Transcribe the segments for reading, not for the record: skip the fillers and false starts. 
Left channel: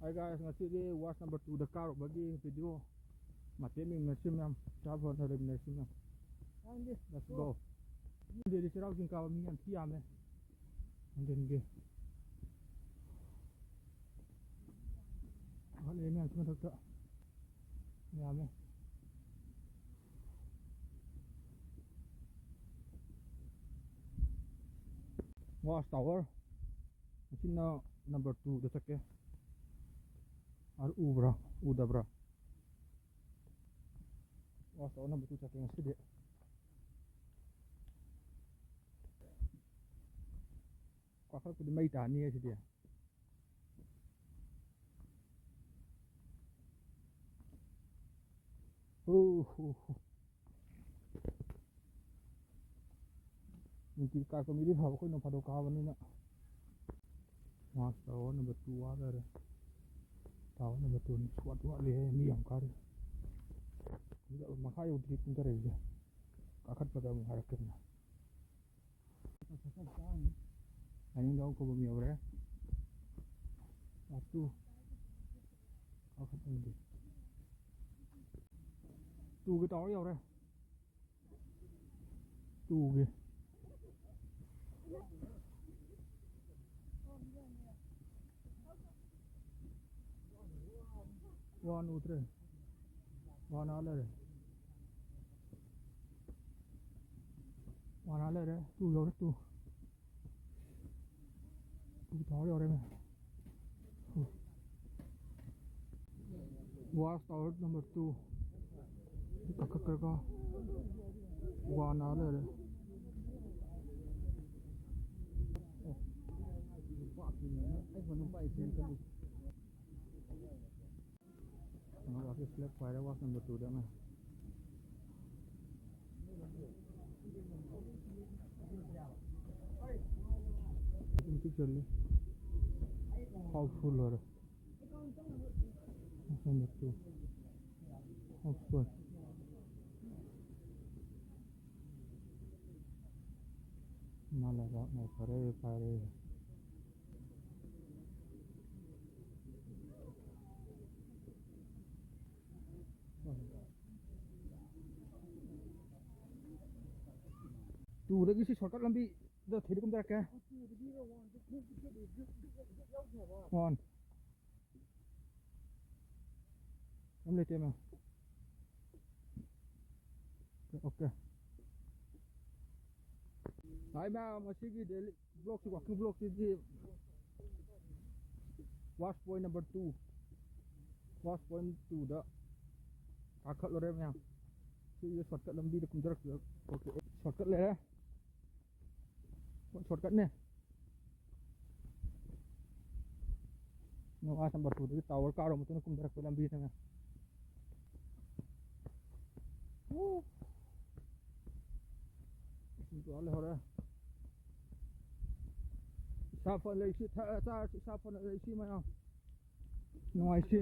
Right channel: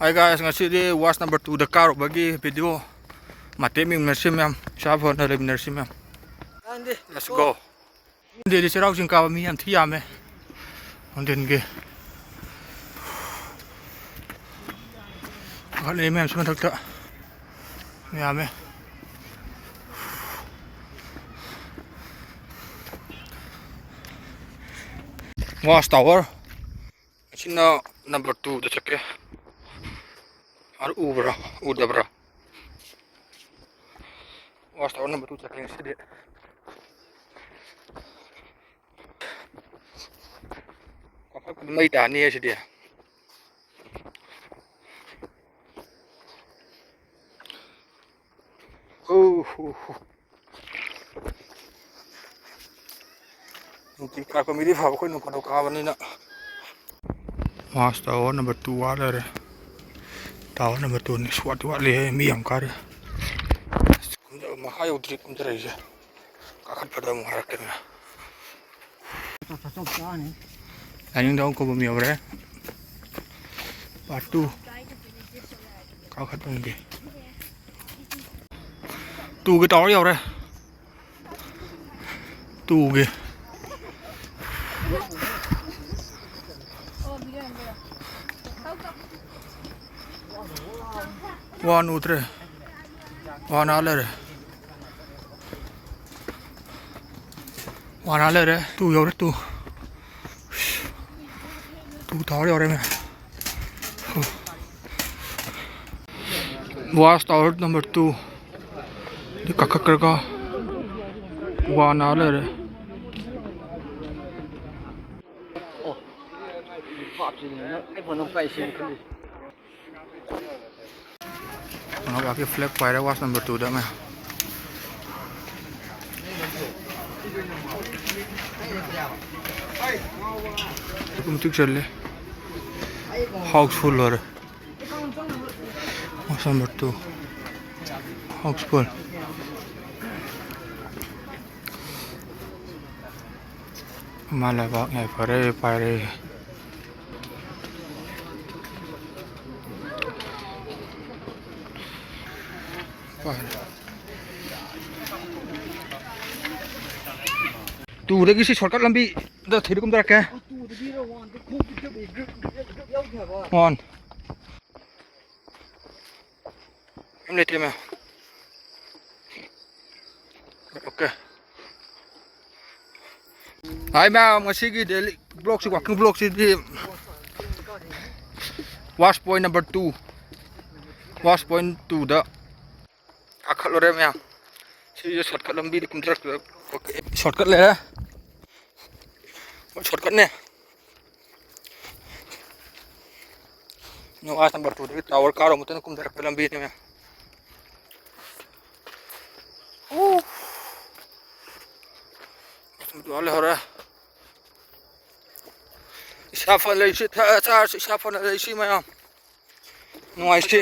Hi guys, ngasi was number 2 the car bagi video mate mi merci ma'am shafon na lem merci ma'am. Let's go. Đi đi serau sing ka mi am thi am e. On den ge. Kan le ma'am sum thak ta. Mi am e. Was tower. China number 2 the chake. Ar ubra, udabra. Was tower number 2 chake sidi. Apa kun mai ta ni sidi. Nungki kar ko midi phab ko nu kono ka bani na. Was tower number 2 wa le. Tower number 2 ni swat wa le mi am kar. Mahai udri kum jara ise. Kakat pada mu harak tengah. Anh đâu có bao nhiêu đấy, batu, cao khát bằng gì, tu cái tó nhiều đấy, tu kìa, one utre, one ale đấy, tu nhiều đấy tu. Tu tháo đi rồi mày. Was tower number 2. Đi cắt cắt cái qua nàoเลย. Nó bảo cái flag quay đó was number 2 đó mày. Cũng tiếc chân lên. Houseful rồi. Was number 2. Houseful. Mà lại bảo ngày phải đây. Tu đấy cái shortcut Lambi, đó thấy được không ta kìa? Ngon. Em lấy tiền nào? Ok. Hai mà ngasih cái daily blog sih, waktu blog sih di wash point number 2. Wash point 2 đó. Akal rồi em. Sih shortcut Lambi di kumtrak. Ok, shortcutเลยนะshortcutเนี่ยno as number 2 di tower car mo tan kum darak Lambi ni ya itu ale hora shafan le shi ta shafan le shi ma no ai shi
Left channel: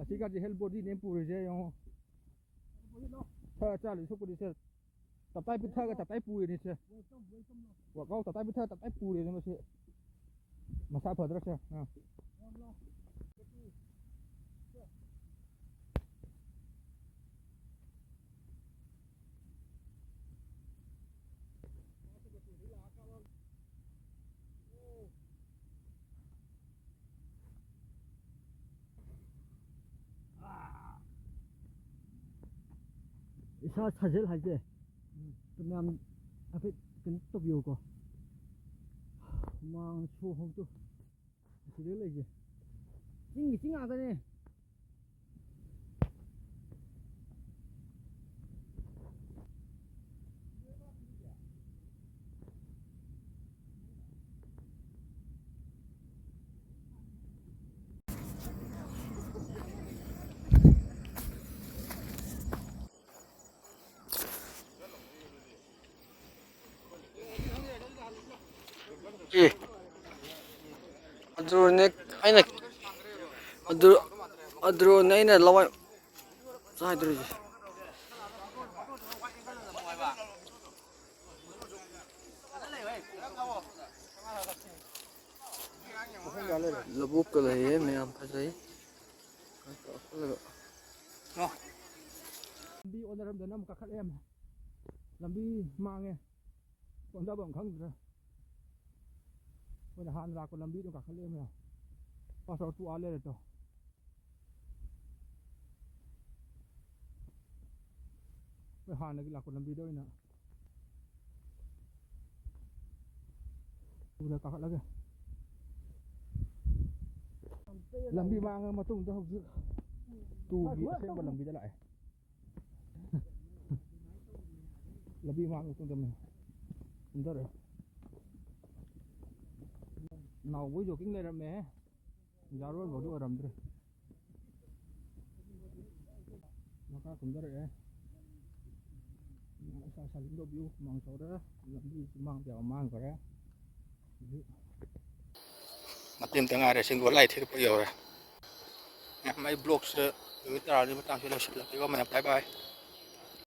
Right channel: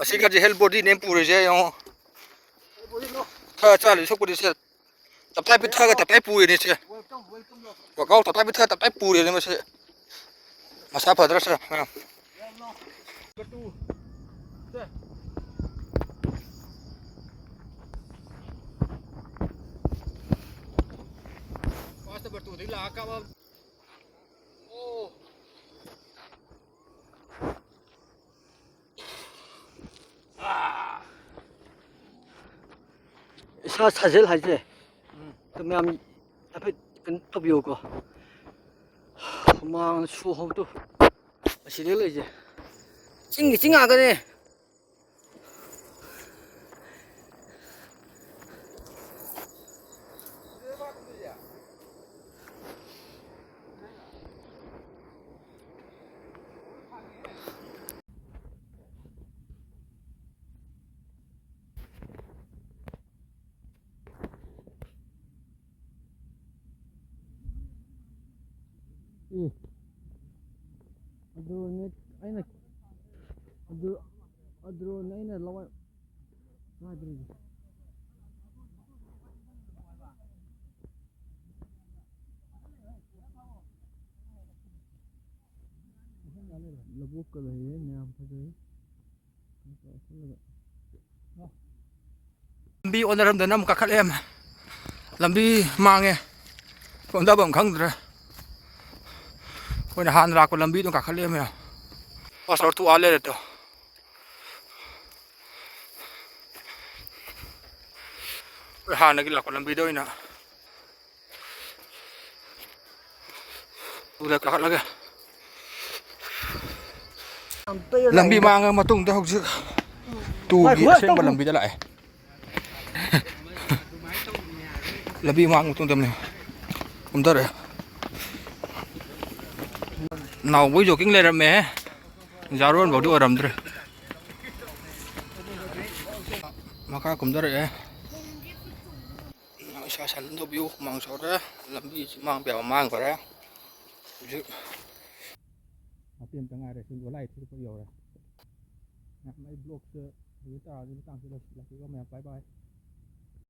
asi ka je help body name pure je yo cha le sok body se tập tay biết thơ cái tập tay pùi này chứ, và câu tập tay biết thơ tập tay pùi này mà sao phải rất là, sao 사실 하지? 그러면 앞에 또 비오고 막 수호도 시리를 이제 찡하거네. 예. 어드로네 아니네. 어드로네네 라와. 자 들으지. Lubuk ka lahi mayam phajai. lambi onaramdana amuk kakhalem lambi mangnge ꯐꯣꯟꯗꯕꯝ ꯈꯪꯗ꯭ꯔꯦ ꯑꯩꯈꯣꯏꯅ ꯍꯥꯟꯅ ꯂꯥꯛꯄ ꯂꯝꯕꯤꯗꯣ ꯀꯥꯈꯠꯂꯛꯑꯦ ꯃꯌꯥꯝ password two ꯑꯥ ꯂꯩꯔꯦ ꯇꯣ ꯑꯩꯈꯣꯏ ꯍꯥꯟꯅꯒꯤ ꯂꯥꯛꯄ ꯂꯝꯕꯤꯗ ꯑꯣꯏꯅ ꯇꯨꯗ ꯀꯥꯈꯠꯂꯒꯦ ꯂꯝꯕꯤ ꯃꯥꯡꯉ ꯃꯇꯨꯡꯗ ꯍꯧꯖꯤꯛ ꯇꯨꯒꯤ ꯑꯁꯦꯡꯕ ꯂꯝꯕꯤꯗ ꯂꯥꯛꯑꯦ ꯂꯝꯕꯤ ꯃꯥꯡꯉ ꯃꯇꯨꯡꯗ ꯀꯨꯝꯊꯔꯛꯑꯦ ꯅꯥꯎꯕꯣꯏ ꯖꯣꯀꯤꯡ ꯂꯩꯔꯝꯃꯦ ꯖꯥꯔꯣꯟꯐꯥꯎꯗꯤ ꯑꯣꯏꯔꯝꯗ꯭ꯔꯦ ꯃꯈꯥ ꯀꯨꯝꯊꯔꯛꯑꯦ ꯏꯁꯥ ꯁꯥꯖꯤꯟ ꯇꯧꯕꯤꯌꯨ ꯍꯨꯃꯥꯡ ꯁꯧꯔꯦ ꯂꯝꯕꯤꯁꯤ ꯃꯥꯡꯕ ꯌꯥꯕ ꯃꯥꯡꯈ꯭ꯔꯦ ꯍꯧꯖꯤꯛ ꯃꯇꯦꯛ ꯑꯃꯇ ꯉꯥꯏꯔꯦ ꯁꯤꯡꯒꯣꯜ ꯂꯥꯏ ꯊꯤꯔꯛꯄ ꯌꯧꯔꯦ ꯃꯌꯥꯝ ꯑꯩ ꯕ꯭ꯂꯣꯛꯁꯦ ꯅꯨꯃꯤꯠ 10ꯅꯤ ꯃꯇꯥꯡꯁꯤ ꯂꯣꯏꯁꯤꯜꯂꯒꯦꯀꯣ ꯃꯌꯥꯝ ꯕꯥꯏ ꯕꯥꯏ